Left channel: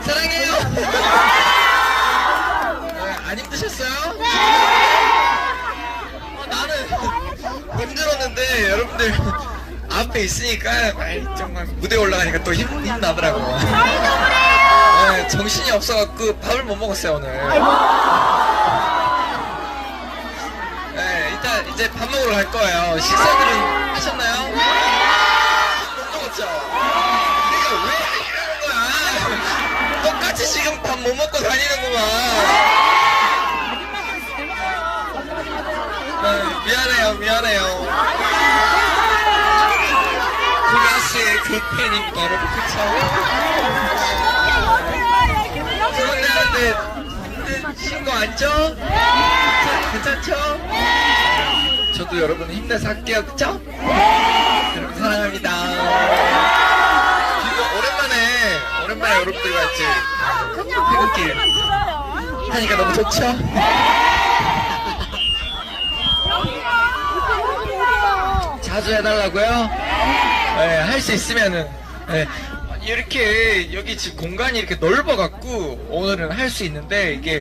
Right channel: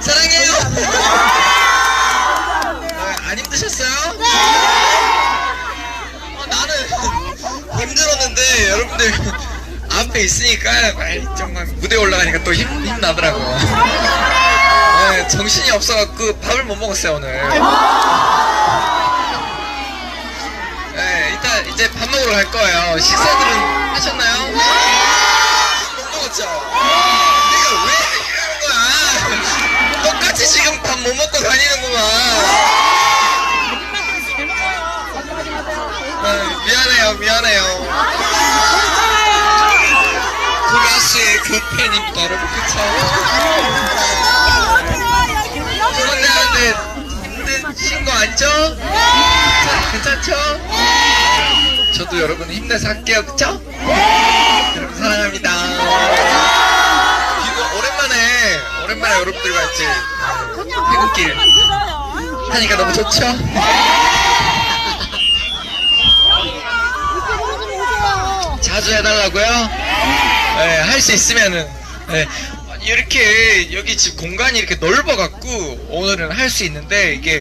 사랑해요. 네, 안 힘드셨어요? 어, 나는 힘들었는데 여러분들 앞에 있으니까 정말 무대 올라가니까 또 힘, 힘나더라고. 네, 정신이 없어갖고 밥을 못 먹었어요 오늘. 네, 이따 이제 밥 먹으러 갈 거예요. 식사들은 하셨나요? 다니는구만. 네, 미안해요, 미안해요. 그 가수의 그 팬입니다, 여러분. 그쵸? 그런데 근데 힘드신 거 아니죠? 괜찮죠? 저도 여러분 힘내서 할게요, 그쵸? 여러분 사랑합니다. 비도 오랜만에 오랜만에 여러분들과 이제 퇴근길 하니까 너무 좋죠? 자주 해달라고요? 네, 할 수 있으면은 네, 이렇게 여기 지금 공간이 이렇게 넓어갖고 오늘은 할 수 있는데 이게